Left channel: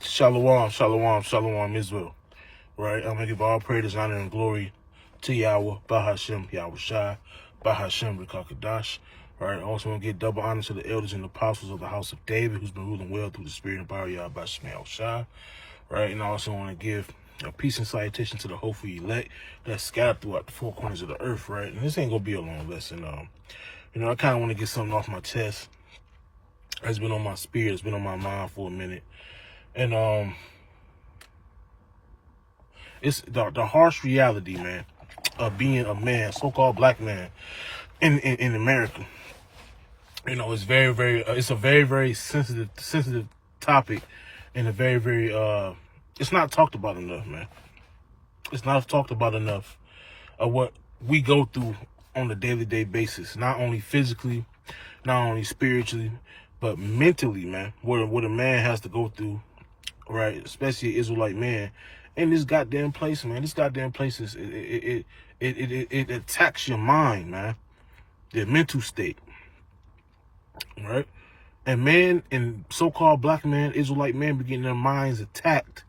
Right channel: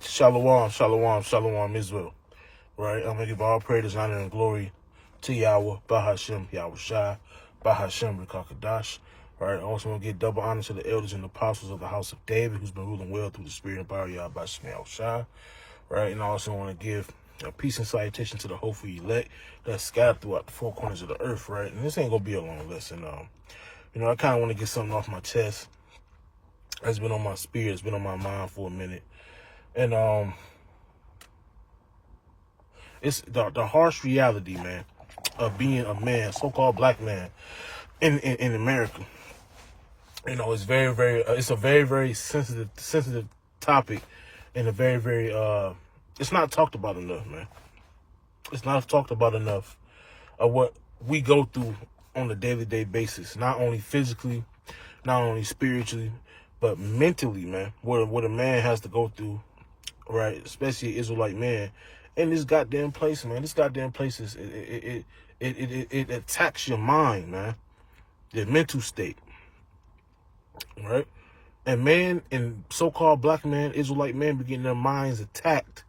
Shalom, shalom, shalom, Israel. Right? I'm going to give all praise, honor, and glory to Yahweh, Bahashem, Yahweh Shai, Bahashem, Rekakadash. Right? Also want to give double honor to the elders and apostles of the house of David, who's been ruling well through the spirit and power of Yahweh, Bahashem, Yahweh Shai. Right? And I also want to give a peace and salutation to the hopeful elect that's scattered throughout the four corners of the earth. Right? And this ain't going to be a long lesson. I kind of want to get something off my chest. It's been on my spirit. It's been on my mind for a minute. And it's the harsh reality, man, of being a man, so-called black man in America. It's it's a very, very sensitive topic, and a very, very, it's not talked about enough, man. It's not talked about enough of what we go through on a day-to-day basis, not only physically, not only spiritually, but mentally, man, what a man has to go through, right? Especially an Israelite man in this goddamn place, man. This goddamn place is, it attacks your mind, man, the mental state, right? And man, and so-called black man, Israelite man, be getting their minds attacked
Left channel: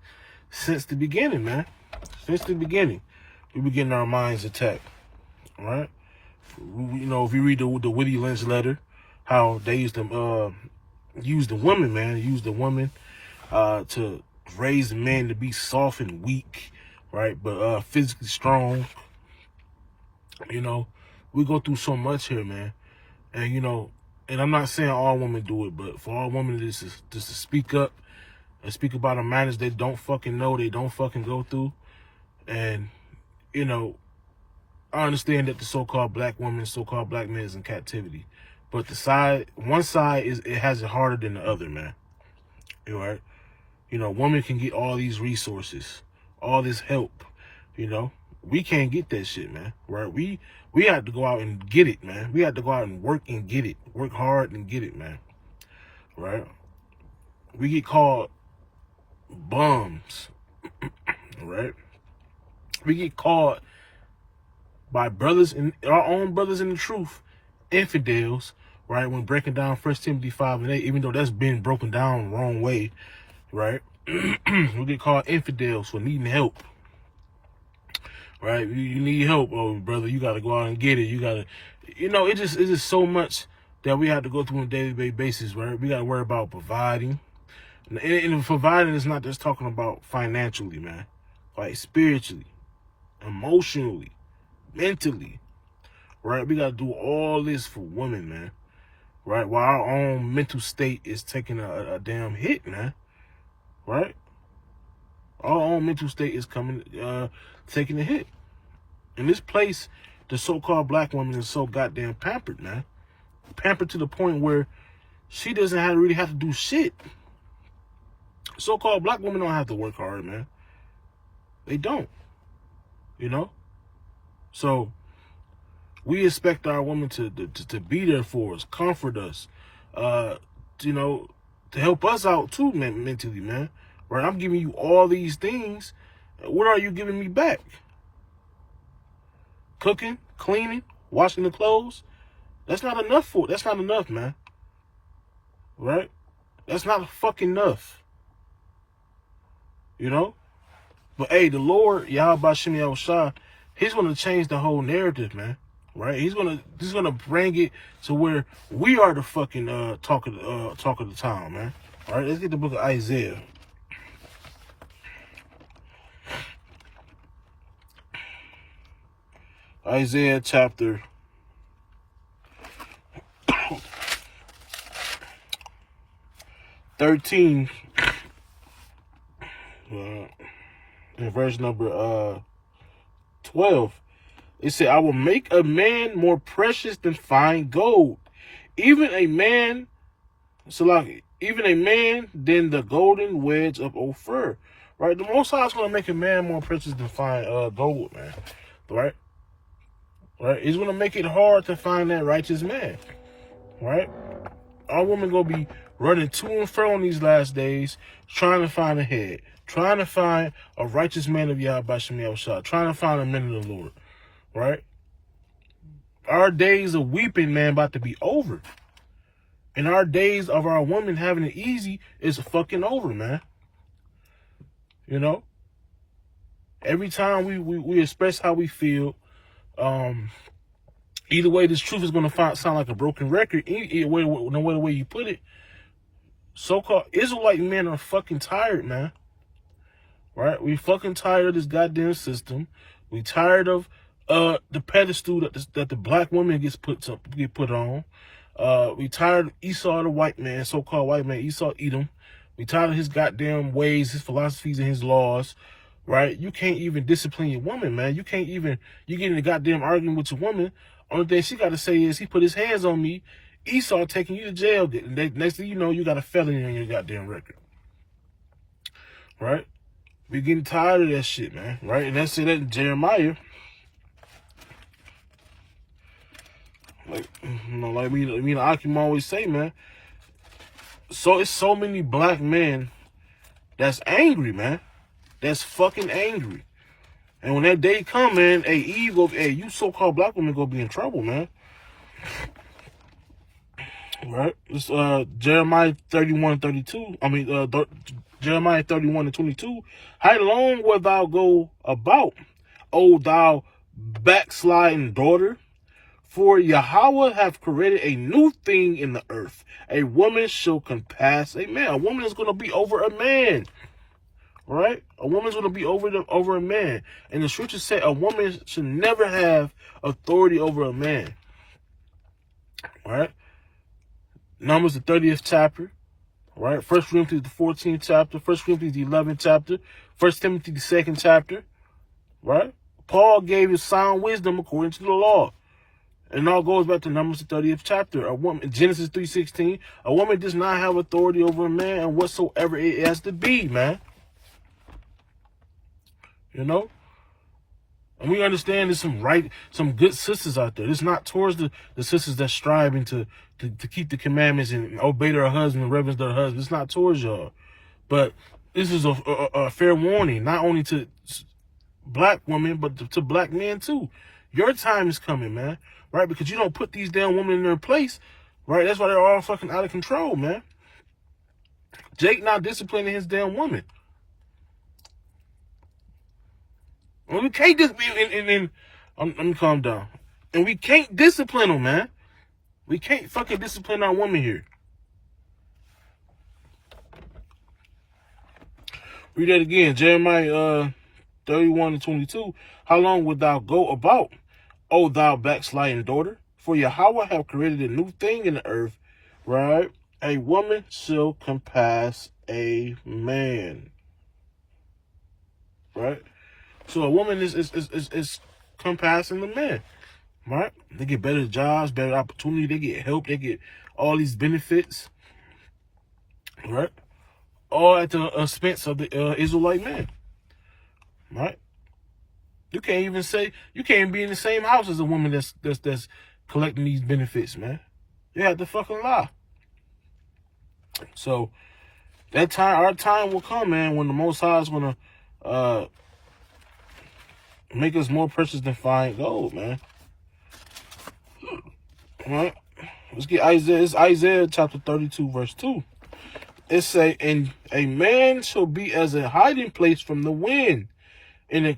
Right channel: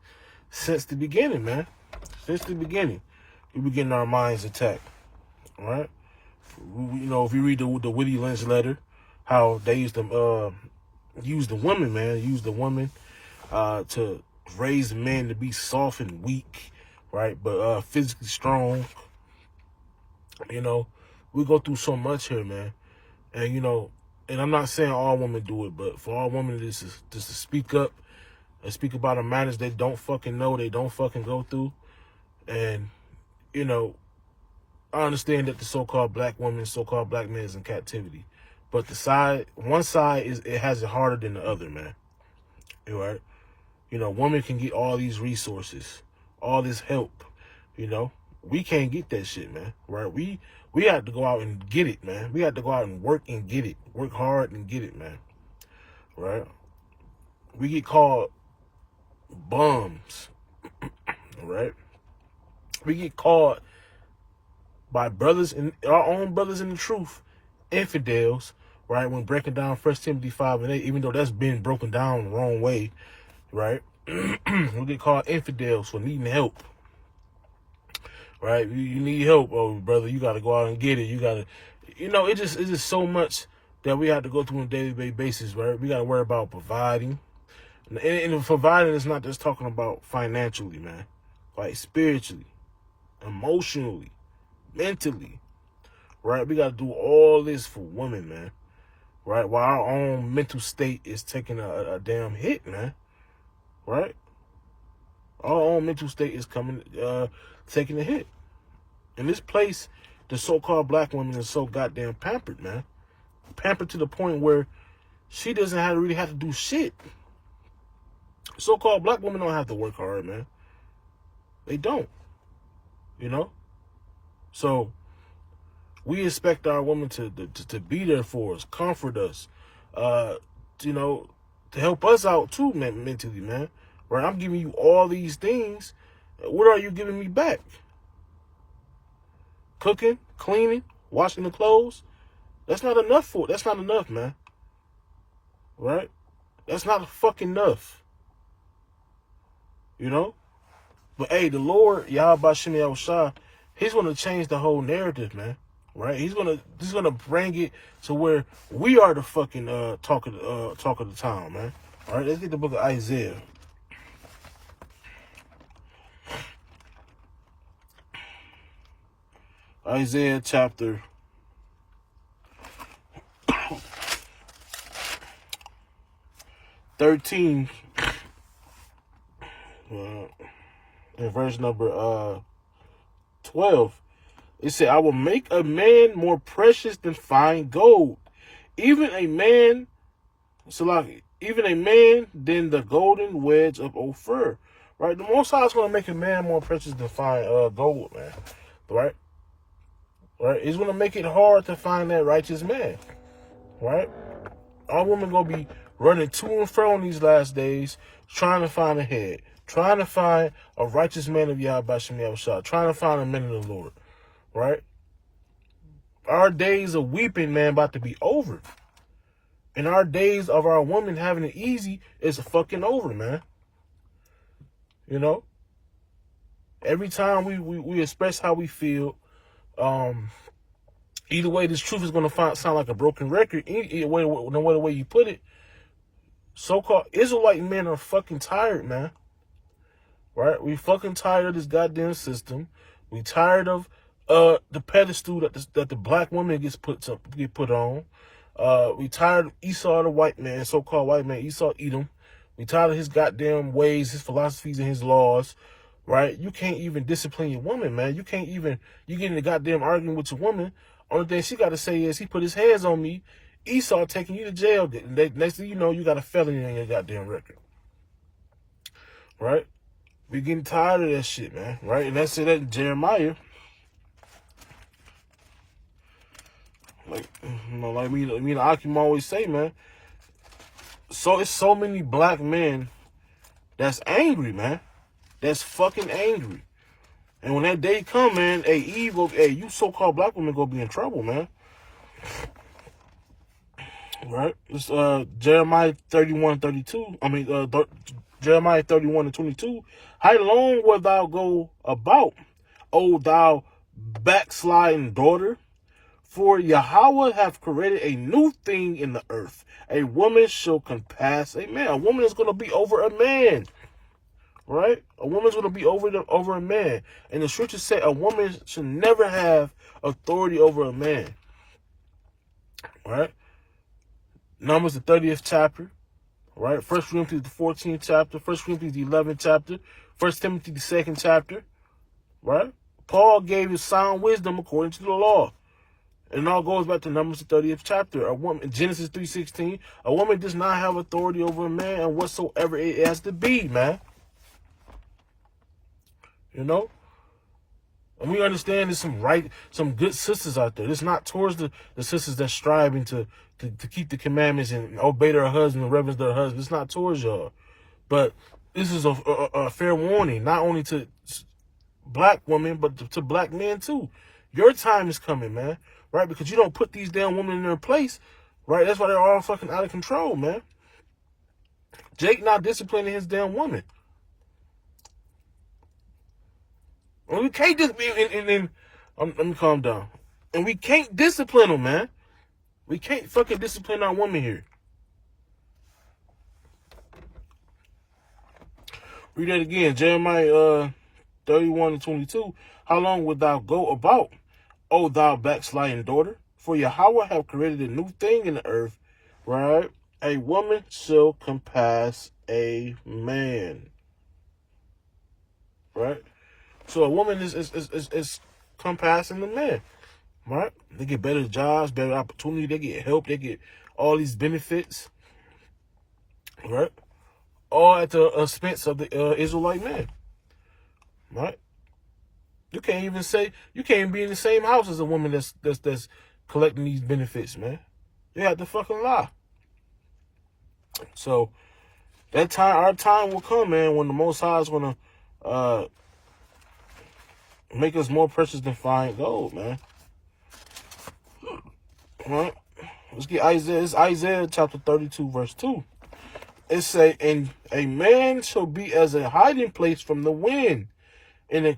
since the beginning, man. Since the beginning, we be getting our minds attacked, right? If you read the Whitty Lynch letter, how they used to use the women, man, to raise the men to be soft and weak, right? But physically strong. We go through so much here, man. And and I'm not saying all women do it, but for all women just to speak up and speak about the matters they don't fucking know, they don't fucking go through. And I understand that the so-called black woman, so-called black man is in captivity. But one side it has it harder than the other, man. Right? Women can get all these resources, all this help. We can't get that shit, man. Right? We have to go out and get it, man. We have to go out and work and get it. Work hard and get it, man. Right? We get called bums. Right? We get called by our own brothers in the truth, infidels, right? When breaking down 1 Timothy 5:8, even though that's been broken down the wrong way, right? We get called infidels for needing help, right? You need help, oh brother, you got to go out and get it. You got to, it's just so much that we have to go through on a daily basis, right? We got to worry about providing, and providing is not just talking about financially, man, like spiritually, emotionally, mentally, right? We got to do all this for women, man, right? While our own mental state is taking a damn hit, man, right? Our own mental state is taking a hit. In this place, the so-called black woman is so goddamn pampered, man. Pampered to the point where she doesn't really have to do shit. So-called black women don't have to work hard, man. They don't, So we expect our women to be there for us, comfort us, to help us out too, man, mentally, man. Right? I'm giving you all these things. What are you giving me back? Cooking, cleaning, washing the clothes. That's not enough That's not enough, man. Right? That's not fucking enough. But hey, the Lord, Yahweh Bahashem Yahweh Shai, He's going to change the whole narrative, man. Right? He's gonna bring it to where we are the fucking talk of the town, man. All right, let's get the book of Isaiah. Isaiah chapter 13, in verse number 12. It said, I will make a man more precious than fine gold, even a man than the golden wedge of Ophir. Right? The Most High is going to make a man more precious than fine gold, man. Right? Right? He's going to make it hard to find that righteous man. Right? All women going to be running to and fro in these last days, trying to find a head, trying to find a righteous man of Yahweh Bahashem Yahweh Shai, trying to find a man of the Lord. Right? Our days of weeping, man, about to be over. And our days of our women having it easy is fucking over, man. You know, every time we express how we feel, either way, this truth is going to sound like a broken record. Either way, no matter the way you put it, so-called Israelite men are fucking tired, man. Right? We fucking tired of this goddamn system. We tired of the pedestal that the black woman gets put on. We tired of Esau, the white man, so-called white man, Esau Edom. We tired of his goddamn ways, his philosophies, and his laws. Right? You can't even discipline your woman, man. You get in a goddamn argument with your woman. Only thing she got to say is, he put his hands on me. Esau taking you to jail. Next thing you know, you got a felony on your goddamn record. Right? We getting tired of that shit, man. Right? And that's it in Jeremiah. Like me and Akim always say, man. So it's so many black men that's angry, man. That's fucking angry. And when that day come, man, you so-called black women gonna be in trouble, man. Right? It's Jeremiah 31:32. Jeremiah 31:22. How long wilt thou go about, O thou backsliding daughter? For Yahweh hath created a new thing in the earth. A woman shall compass a man. A woman is going to be over a man. Right? A woman's going to be over a man. And the scriptures say a woman should never have authority over a man. Right? Numbers the 30th chapter. Right? 1 Corinthians the 14th chapter. 1 Corinthians the 11th chapter. 1 Timothy the 2nd chapter. Right? Paul gave his sound wisdom according to the law. And it all goes back to Numbers the 30th chapter. A woman, Genesis 3:16, a woman does not have authority over a man and whatsoever it has to be, man. You know? And we understand there's some good sisters out there. It's not towards the sisters that's striving to keep the commandments and obey their husband and reverence their husband. It's not towards y'all. But this is a fair warning, not only to black women, but to black men too. Your time is coming, man. Right? Because you don't put these damn women in their place. Right? That's why they're all fucking out of control, man. Jake not disciplining his damn woman. And we can't let me calm down. And we can't discipline them, man. We can't fucking discipline our woman here. Read that again. Jeremiah 31:22. How long wilt thou go about, O thou backsliding daughter? For Yahweh hath created a new thing in the earth, right? A woman shall compass a man. Right? So a woman is compassing the man. Right? They get better jobs, better opportunity, they get help, they get all these benefits. Right? All at the expense of the Israelite man. Right? You can't even be in the same house as a woman that's collecting these benefits, man. You have to fucking lie. So our time will come, man, when the Most High is gonna make us more precious than fine gold, man. All right? Let's get Isaiah. It's Isaiah chapter 32, verse 2. It say, and a man shall be as a hiding place from the wind, and a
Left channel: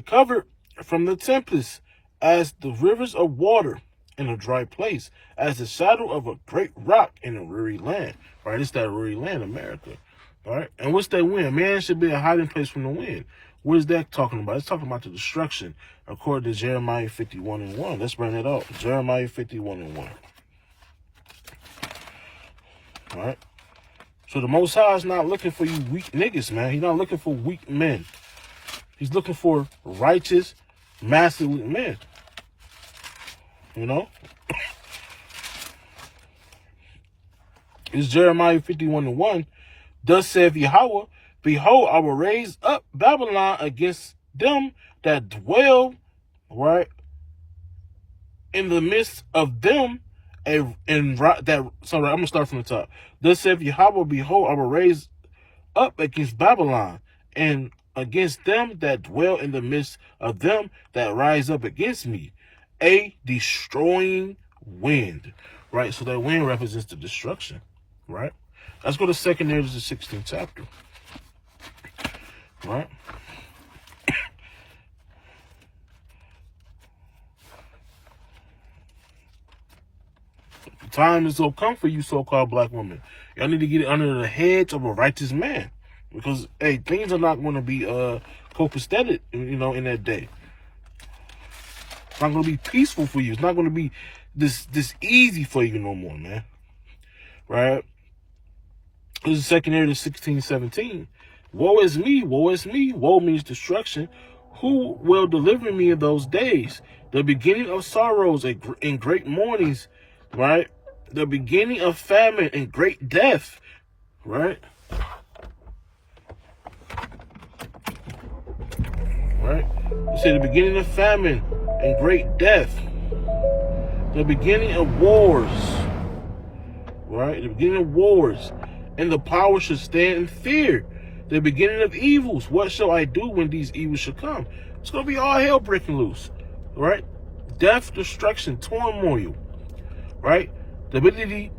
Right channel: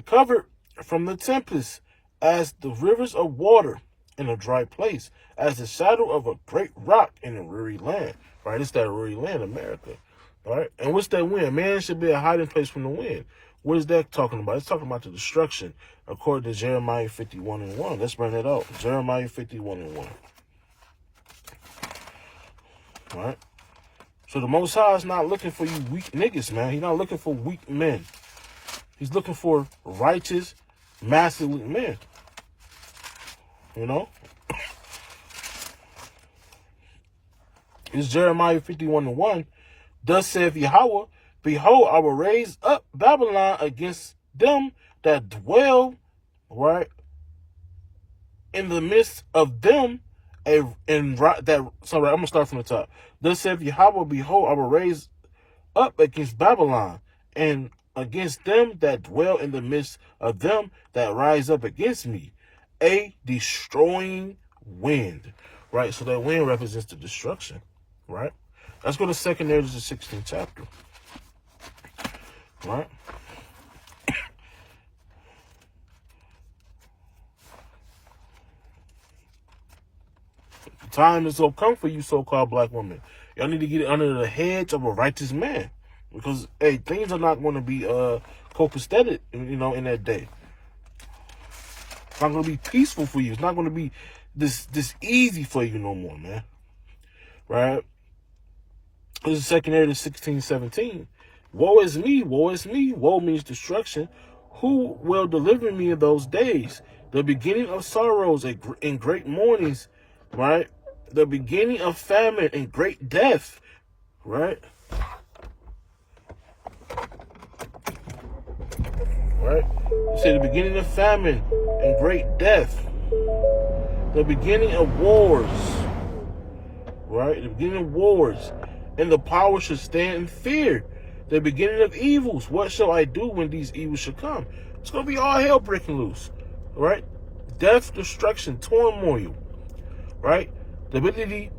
cover from the tempest, as the rivers of water in a dry place, as the shadow of a great rock in a weary land. Right? It's that weary land, America. All right? And what's that wind? Man should be a hiding place from the wind. What is that talking about? It's talking about the destruction, according to Jeremiah 51:1. Let's bring it out. Jeremiah 51:1. All right? So the Most High is not looking for you weak niggas, man. He's not looking for weak men. He's looking for righteous, masculine men. You know? It's Jeremiah 51:1. Thus saith Yahweh, behold, I will raise up Babylon against them that dwell, right, in the midst of them. I'm gonna start from the top. Thus saith Yahweh, behold, I will raise up against Babylon, and against them that dwell in the midst of them that rise up against me, a destroying wind. Right? So that wind represents the destruction. Right? Let's go to 2 Ezra, the 16th chapter. right? Time is gonna come for you, so-called black women. Y'all need to get it under the heads of a righteous man, because hey, things are not going to be copacetic, in that day. It's not going to be peaceful for you. It's not going to be this easy for you no more, man. Right? This is 2 Kings 16:17. Woe is me, woe is me. Woe means destruction. Who will deliver me in those days? The beginning of sorrows and great mournings, right? The beginning of famine and great death, right? Right? You say the beginning of famine and great death. The beginning of wars, right? The beginning of wars. And the power should stand in fear. The beginning of evils. What shall I do when these evils shall come? It's going to be all hell breaking loose, right? Death, destruction, turmoil, right? The ability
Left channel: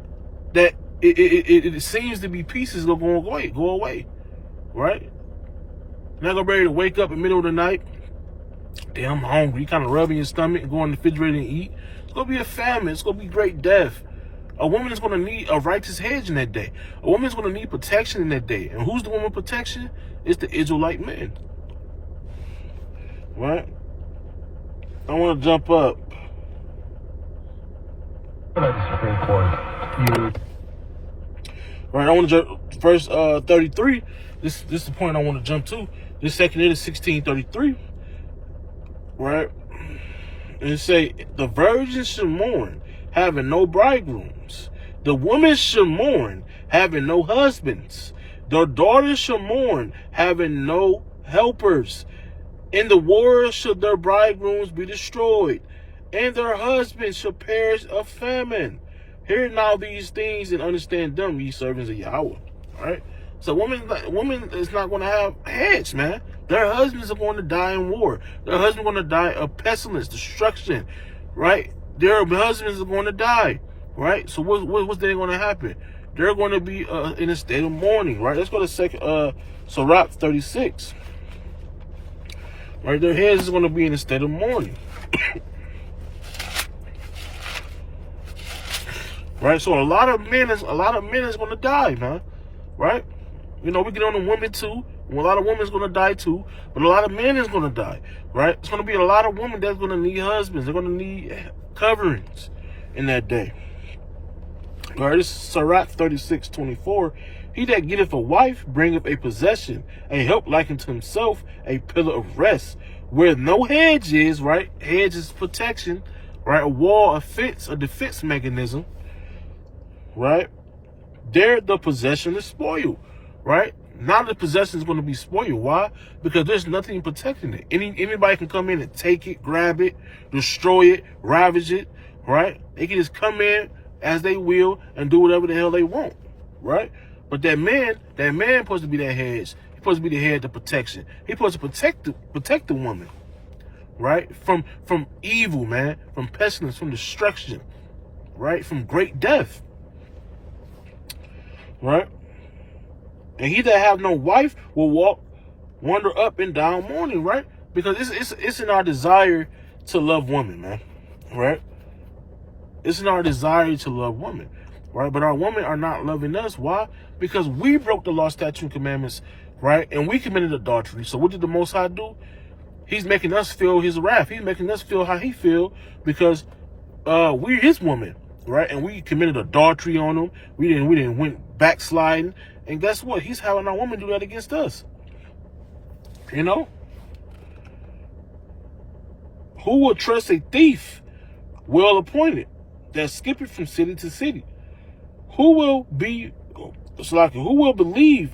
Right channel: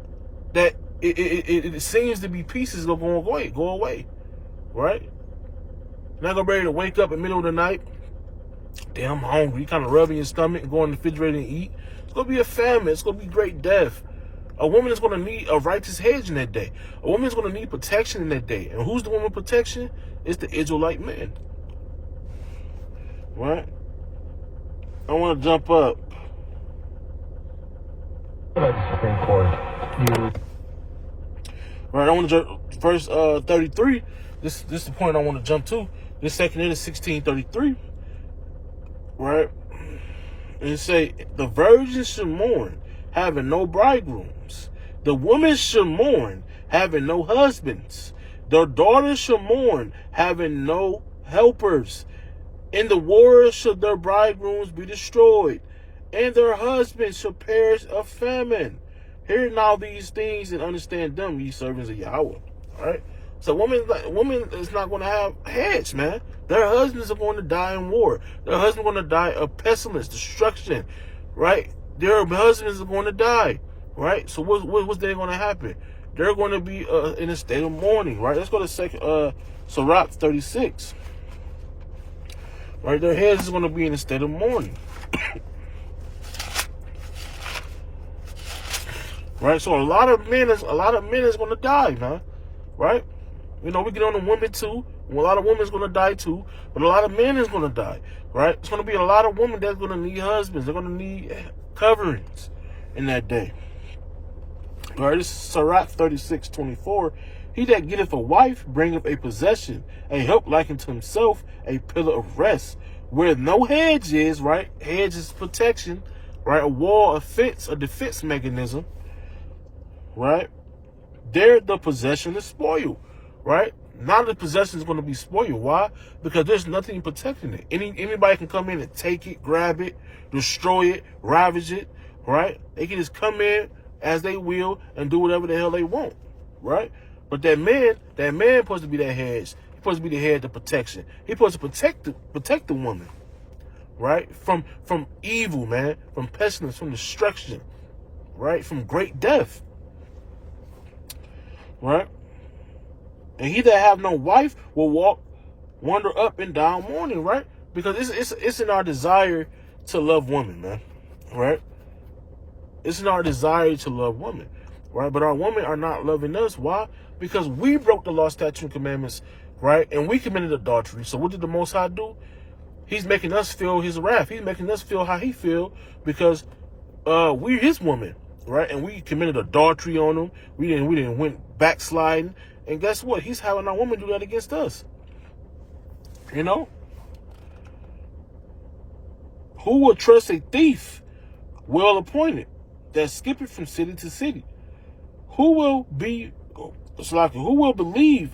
that it seems to be pieces are going to go away, right? Not going to be able to wake up in the middle of the night. Damn, I'm hungry. You kind of rubbing your stomach and go in the refrigerator and eat. It's going to be a famine. It's going to be great death. A woman is going to need a righteous hedge in that day. A woman is going to need protection in that day. And who's the woman protection? It's the Israelite man. Right? I want to jump up. Supreme Court. Right, I want to jump verse 33. This is the point I want to jump to. This 2 Kings 16:33. Right? And it say, the virgins should mourn, having no bridegrooms. The women should mourn, having no husbands. The daughters should mourn, having no helpers. In the wars should their bridegrooms be destroyed, and their husbands shall perish of famine. Hear now these things and understand them, ye servants of Yahweh. Right? So woman is not going to have heads, man. Their husbands are going to die in war. Their husbands are going to die of pestilence, destruction, right? Their husbands are going to die, right? So what's then going to happen? They're going to be in a state of mourning, right? Let's go to Sirach 36. Right, their heads is going to be in a state of mourning. Right, so a lot of men is going to die, man. Right, we get on the women too. A lot of women is going to die too, but a lot of men is going to die. Right, it's going to be a lot of women that's going to need husbands. They're going to need coverings in that day. Right, this is Sirach 36:24. He that getteth a wife bringeth a possession, a help like unto himself, a pillar of rest. Where no hedge is, right? Hedge is protection, right? A wall, a defense mechanism, right? There the possession is spoiled, right? Now the possession is going to be spoiled. Why? Because there's nothing protecting it. Anybody can come in and take it, grab it, destroy it, ravage it, right? They can just come in as they will and do whatever the hell they want, right? But that man supposed to be that hedge. He's supposed to be the head of protection. He's supposed to protect the woman, right? From evil, man, from pestilence, from destruction, right? From great death, right? And he that have no wife will wander up and down mourning, right? Because it's in our desire to love women, man, right? It's in our desire to love women, right? But our women are not loving us. Why? Because we broke the law, statute, and commandments, right? And we committed adultery. So what did the Most High do? He's making us feel his wrath. He's making us feel how he feel because we're his woman, right? And we committed adultery on him. We didn't went backsliding. And guess what? He's having our woman do that against us. Who will trust a thief well appointed that skippeth from city to city? Who will believe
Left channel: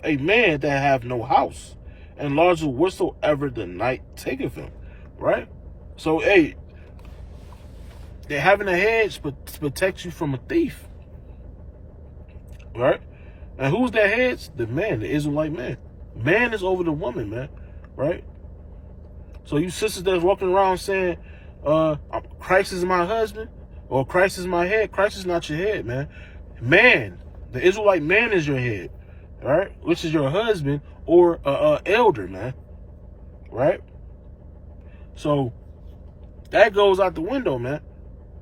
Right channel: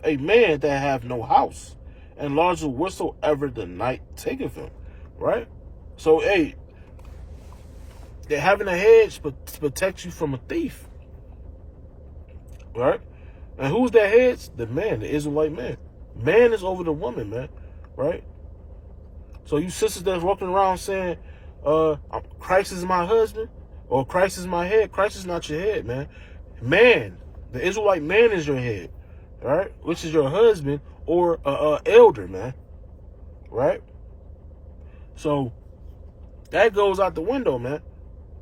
a man that have no house, and larger whatsoever the night taketh him? Right? So, hey, they're having a hedge to protect you from a thief. Right? And who's that hedge? The man, the Israelite man. Man is over the woman, man. Right? So you sisters that's walking around saying, Christ is my husband, or Christ is my head. Christ is not your head, man. Man, the Israelite man is your head, right? Which is your husband or elder, man, right? So that goes out the window, man.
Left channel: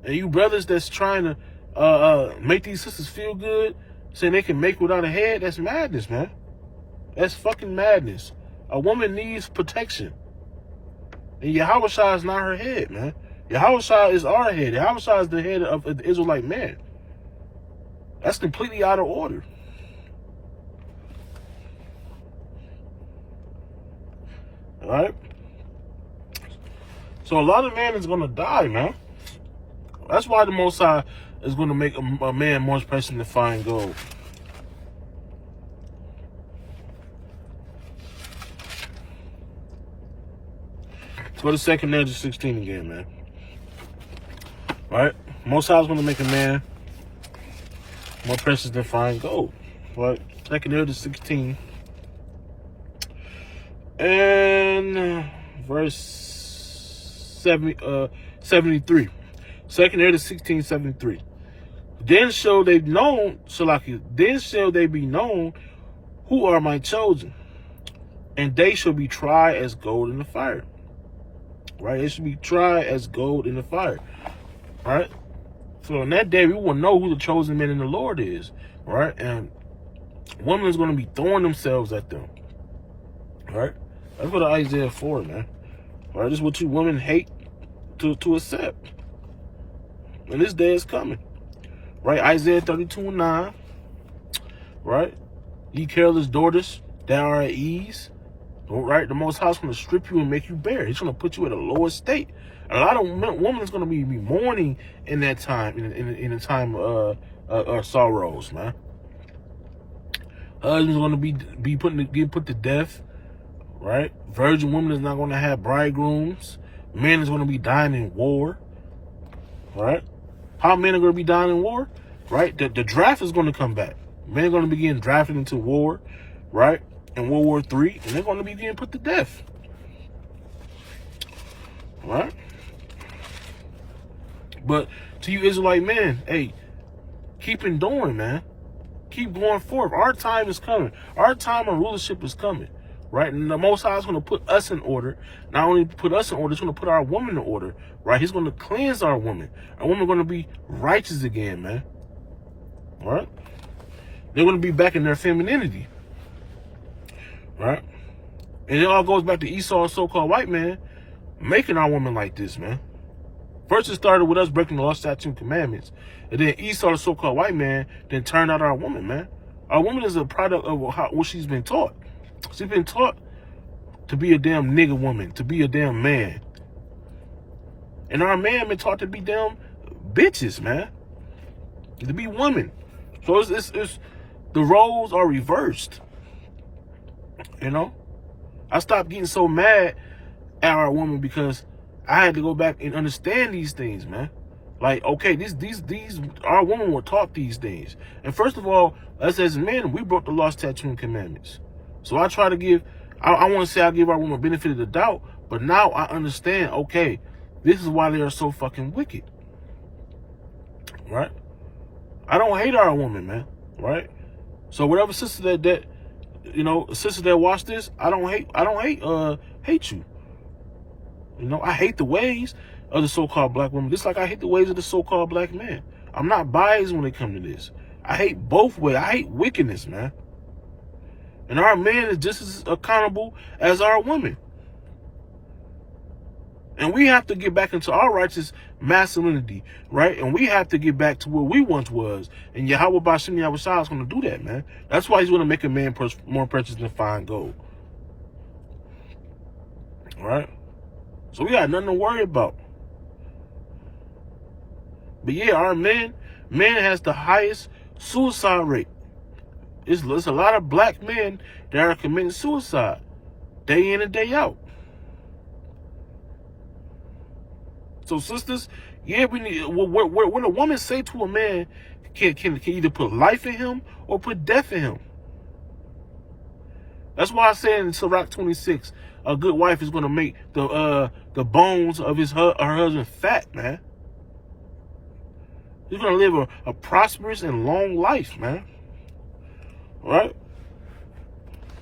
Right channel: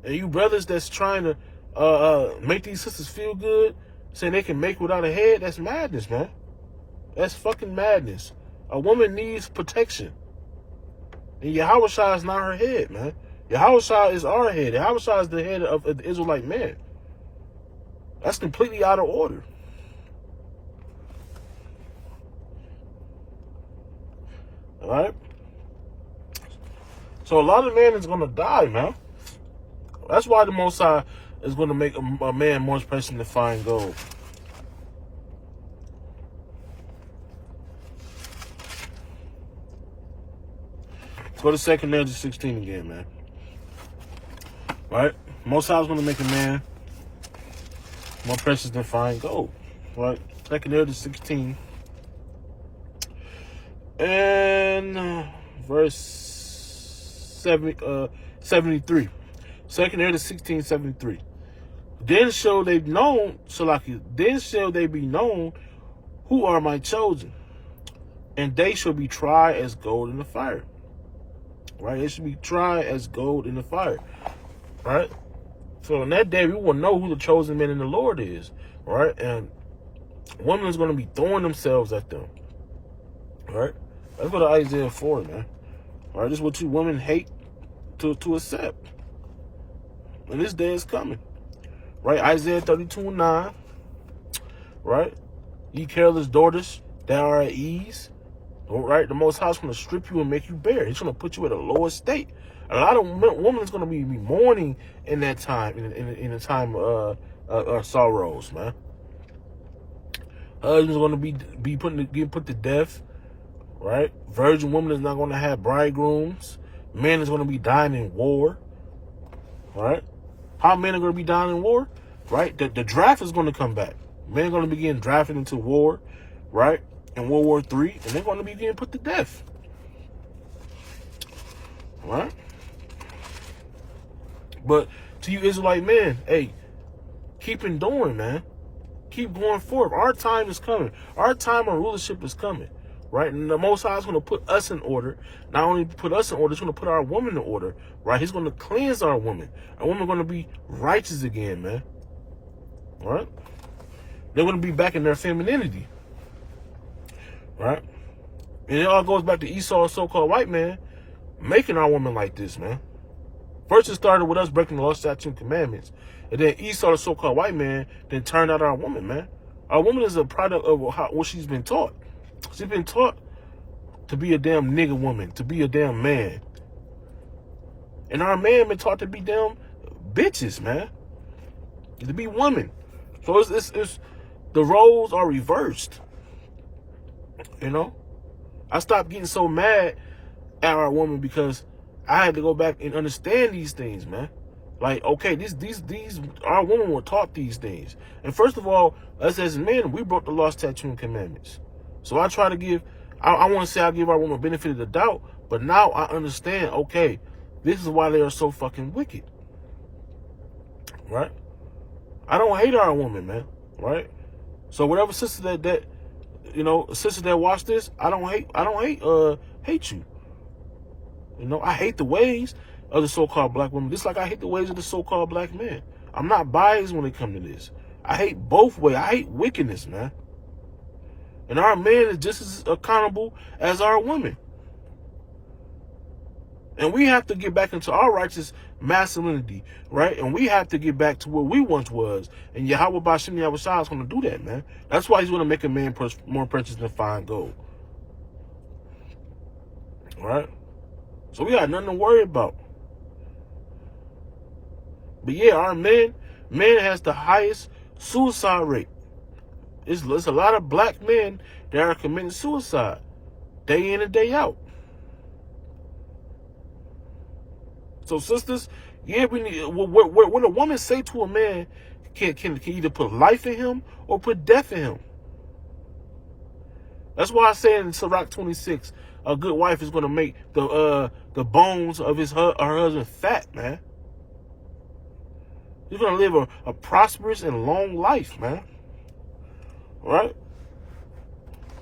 And you brothers that's trying to make these sisters feel good, saying they can make without a head, that's madness, man. That's fucking madness. A woman needs protection. And Yahweh Shai is not her head, man. Yahweh Shai is our head. Yahweh Shai is the head of the Israelite man. That's completely out of order. All right? So a lot of men is going to die, man. That's why the Most High is going to make a man more precious than fine gold. Let's go to 2 Ezra 16 again, man. Right? Most High is going to make a man more precious than fine gold. Right? 2 Ezra 16. And verse 73. 2 Ezra 16, 73. Then shall they be known who are my chosen, and they shall be tried as gold in the fire. Right? They should be tried as gold in the fire. Right? So on that day, we will know who the chosen man in the Lord is. Right? And women is going to be throwing themselves at them. Right? Let's go to Isaiah 4, man. Right? This is what you women hate to accept. And this day is coming. Right? Isaiah 32:9. Right? Ye careless daughters that are at ease. Right? The Most High is going to strip you and make you bare. He's going to put you at a lower state. A lot of women is going to be mourning in that time, in a time of sorrows, man. Husbands going to be put to death. Right? Virgin women is not going to have bridegrooms. Men is going to be dying in war. Right? How men are going to be dying in war? Right? The draft is going to come back. Men are going to be getting drafted into war. Right? In World War III. And they're going to be getting put to death. Right? But to you Israelite men, hey, keep enduring, man. Keep going forward. Our time is coming. Our time of rulership is coming. Right? And the Most High is going to put us in order. Not only put us in order, he's going to put our woman in order. Right? He's going to cleanse our woman. Our woman going to be righteous again, man. Right? They're going to be back in their femininity. Right? And it all goes back to Esau's so-called white man making our woman like this, man. First, it started with us breaking the law, statutes, and commandments. And then Esau, the so-called white man, then turned out our woman, man. Our woman is a product of what she's been taught. She's been taught to be a damn nigga woman, to be a damn man. And our man been taught to be damn bitches, man. To be women. So it's the roles are reversed. You know? I stopped getting so mad at our woman because I had to go back and understand these things, man. Like, okay, these our women were taught these things. And first of all, us as men, we broke the law, statutes, and commandments. So I try to give, I want to say I give our women benefit of the doubt, but now I understand, okay, this is why they are so fucking wicked. Right? I don't hate our woman, man. Right? So whatever sister that you know, sisters that watch this, I don't hate you. You know, I hate the ways of the so-called black women, just like I hate the ways of the so-called black men. I'm not biased when it comes to this. I hate both ways. I hate wickedness, man. And our man is just as accountable as our women. And we have to get back into our righteous masculinity, right? And we have to get back to where we once was. And Yahweh Bashim Yahweh Shai is going to do that, man. That's why he's going to make a man more precious than fine gold. All right? So we got nothing to worry about. But yeah, our man has the highest suicide rate. It's a lot of black men that are committing suicide day in and day out. So sisters, yeah, we need what a woman say to a man can either put life in him or put death in him. That's why I say in Sirach 26, a good wife is going to make the bones of her husband fat, man. He's going to live a prosperous and long life, man. All right?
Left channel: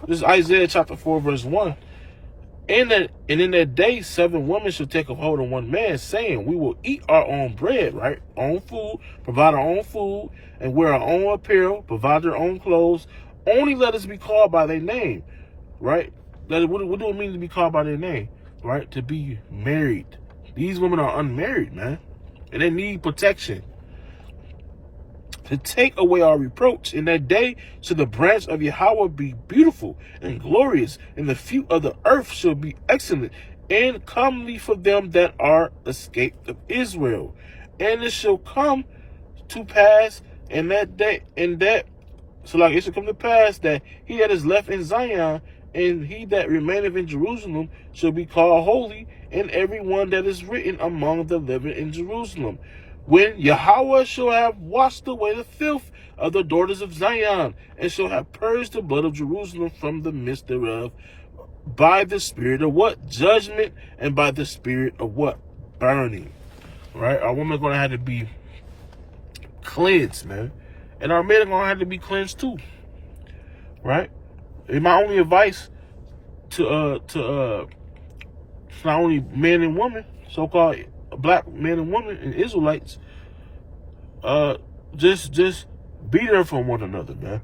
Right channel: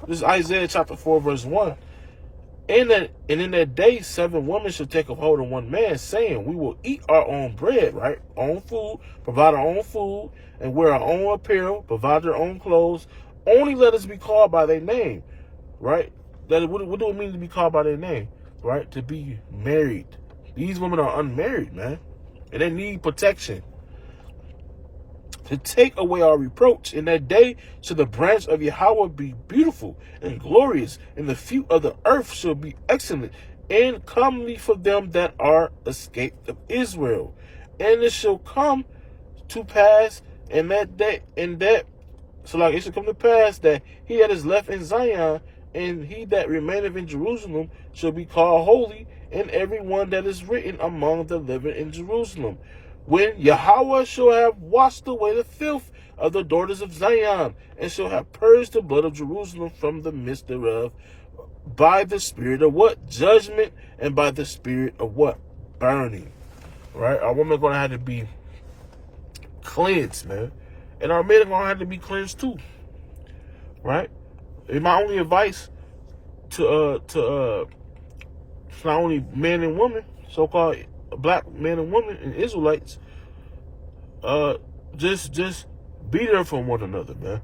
This is Isaiah chapter 4, verse 1. And in that day, 7 women shall take a hold of one man, saying, we will eat our own bread, right? Own food, provide our own food, and wear our own apparel, provide their own clothes. Only let us be called by their name, right? What do it mean to be called by their name, right? To be married. These women are unmarried, man, and they need protection. To take away our reproach in that day shall the branch of Yahweh be beautiful and glorious, and the fruit of the earth shall be excellent and comely for them that are escaped of Israel. And it shall come to pass in that day, so like it shall come to pass that he that is left in Zion and he that remaineth in Jerusalem shall be called holy, and every one that is written among the living in Jerusalem. When Yahweh shall have washed away the filth of the daughters of Zion, and shall have purged the blood of Jerusalem from the midst thereof, by the spirit of what? Judgment, and by the spirit of what? Burning. Right? Our women are going to have to be cleansed, man. And our men are going to have to be cleansed too. Right? And my only advice to not only men and women, so-called black men and women and Israelites, just be there for one another, man.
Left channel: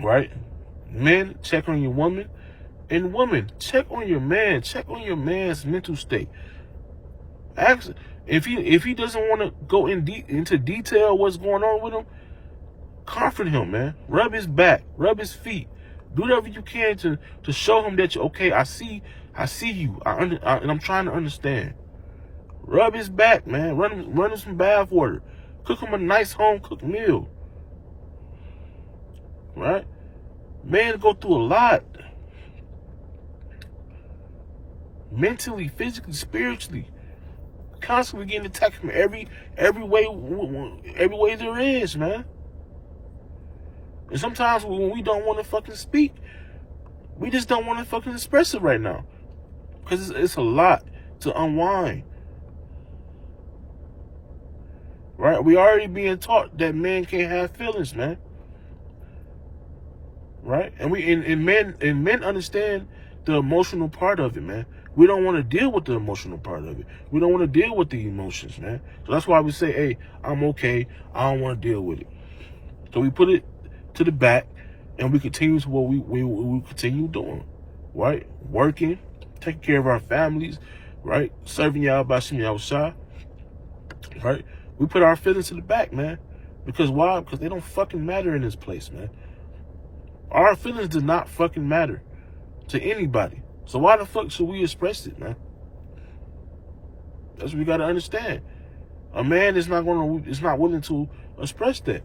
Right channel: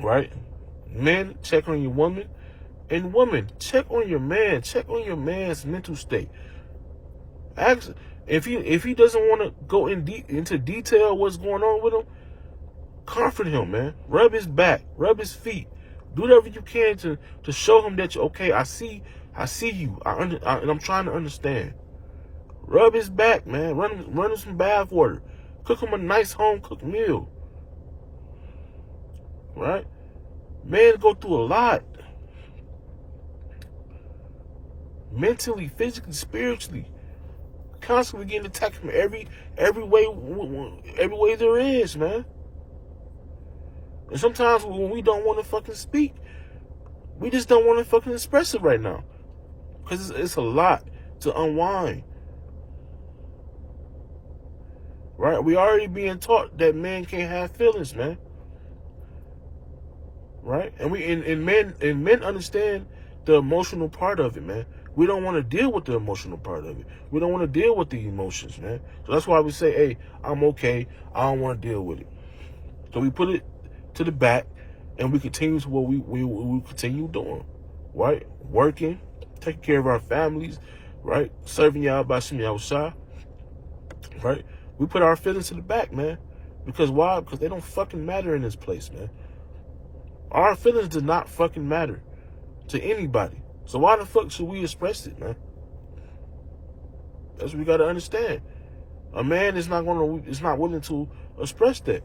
Right? Men, check on your woman, and women, check on your man. Check on your man's mental state. Ask if he doesn't want to go into detail what's going on with him. Comfort him, man. Rub his back, rub his feet. Do whatever you can to show him that okay, I see you, and I'm trying to understand. Rub his back, man. Run him some bath water. Cook him a nice home-cooked meal. Right? Men go through a lot. Mentally, physically, spiritually. Constantly getting attacked from every way there is, man. And sometimes when we don't want to fucking speak, we just don't want to fucking express it right now. Because it's a lot to unwind. Right? We already being taught that men can't have feelings, man. Right? And men understand the emotional part of it, man. We don't want to deal with the emotional part of it. We don't want to deal with the emotions, man. So that's why we say, hey, I'm okay. I don't want to deal with it. So we put it to the back, and we continue to what we continue doing, right? Working, taking care of our families, right? Serving y'all by sending outside, right? We put our feelings to the back, man. Because why? Because they don't fucking matter in this place, man. Our feelings do not fucking matter to anybody. So why the fuck should we express it, man? That's what we gotta understand. A man is not willing to express that.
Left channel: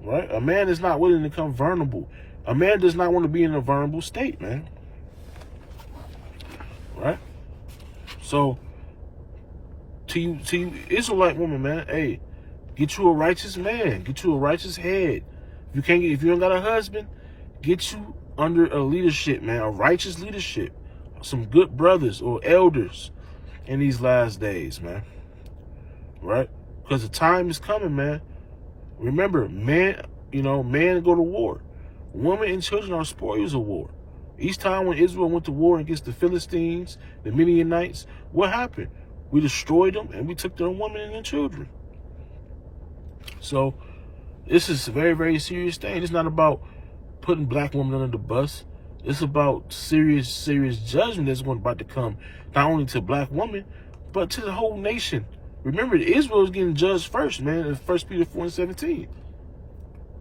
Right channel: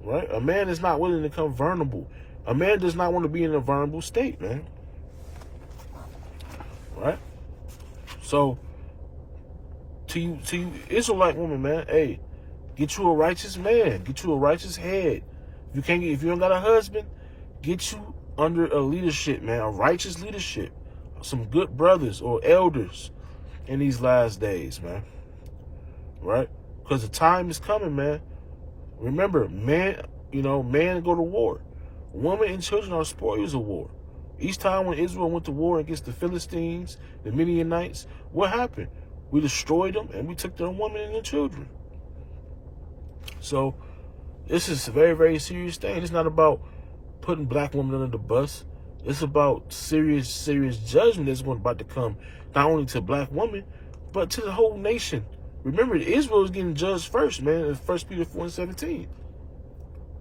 Right? A man is not willing to become vulnerable. A man does not want to be in a vulnerable state, man. Right? So, to you Israelite woman, man, hey, get you a righteous man. Get you a righteous head. If you don't got a husband, get you under a leadership, man, a righteous leadership. Some good brothers or elders in these last days, man. Right? Because the time is coming, man. Remember, man go to war. Women and children are spoils of war. Each time when Israel went to war against the Philistines, the Midianites, what happened? We destroyed them and we took their women and their children. So this is a very, very serious thing. It's not about putting black women under the bus. It's about serious judgment that's about to come, not only to black women, but to the whole nation. Remember, Israel is getting judged first, man, in 1 Peter 4:17.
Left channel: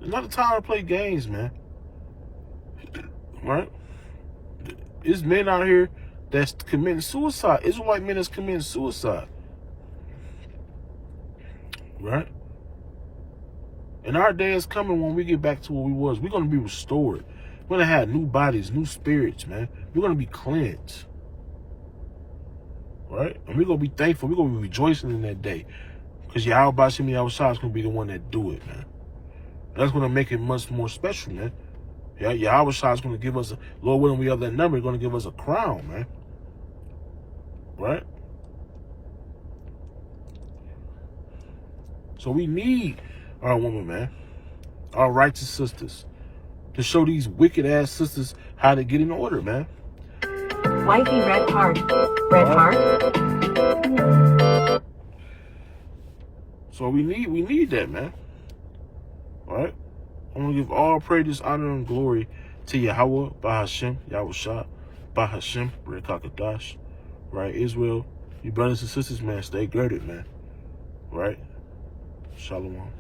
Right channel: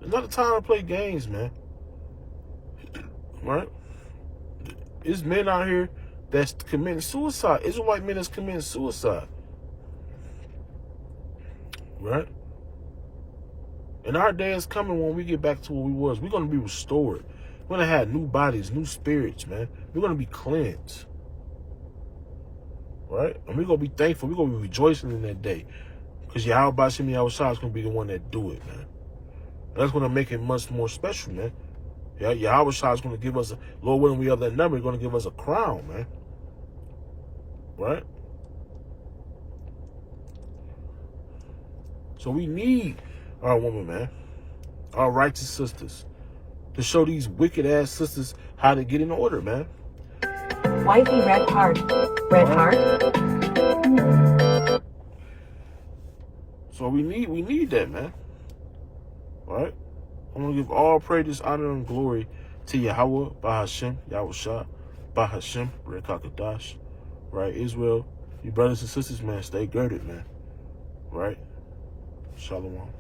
It's not a time to play games, man. Right? There's men out here that's committing suicide. Israelite men that's committing suicide. Right? And our day is coming when we get back to where we was. We're going to be restored. We're going to have new bodies, new spirits, man. We're going to be cleansed. Right? And we're going to be thankful. We're going to be rejoicing in that day. Because Yahweh is going to be the one that do it, man. That's going to make it much more special, man. Yeah, Yahweh is going to give us, Lord willing, we have that number, he's going to give us a crown, man. Right? So we need our woman, man. Our righteous sisters to show these wicked ass sisters how to get in order, man. Wifey, red heart. Red heart. So we need that, man. Right? I'm gonna give all praise, honor, and glory to Yahweh, by Hashem, Yahweh Shah, by Hashem, Rekakadash. Right? Israel, you brothers and sisters, man, stay girded, man. Right? Shalom.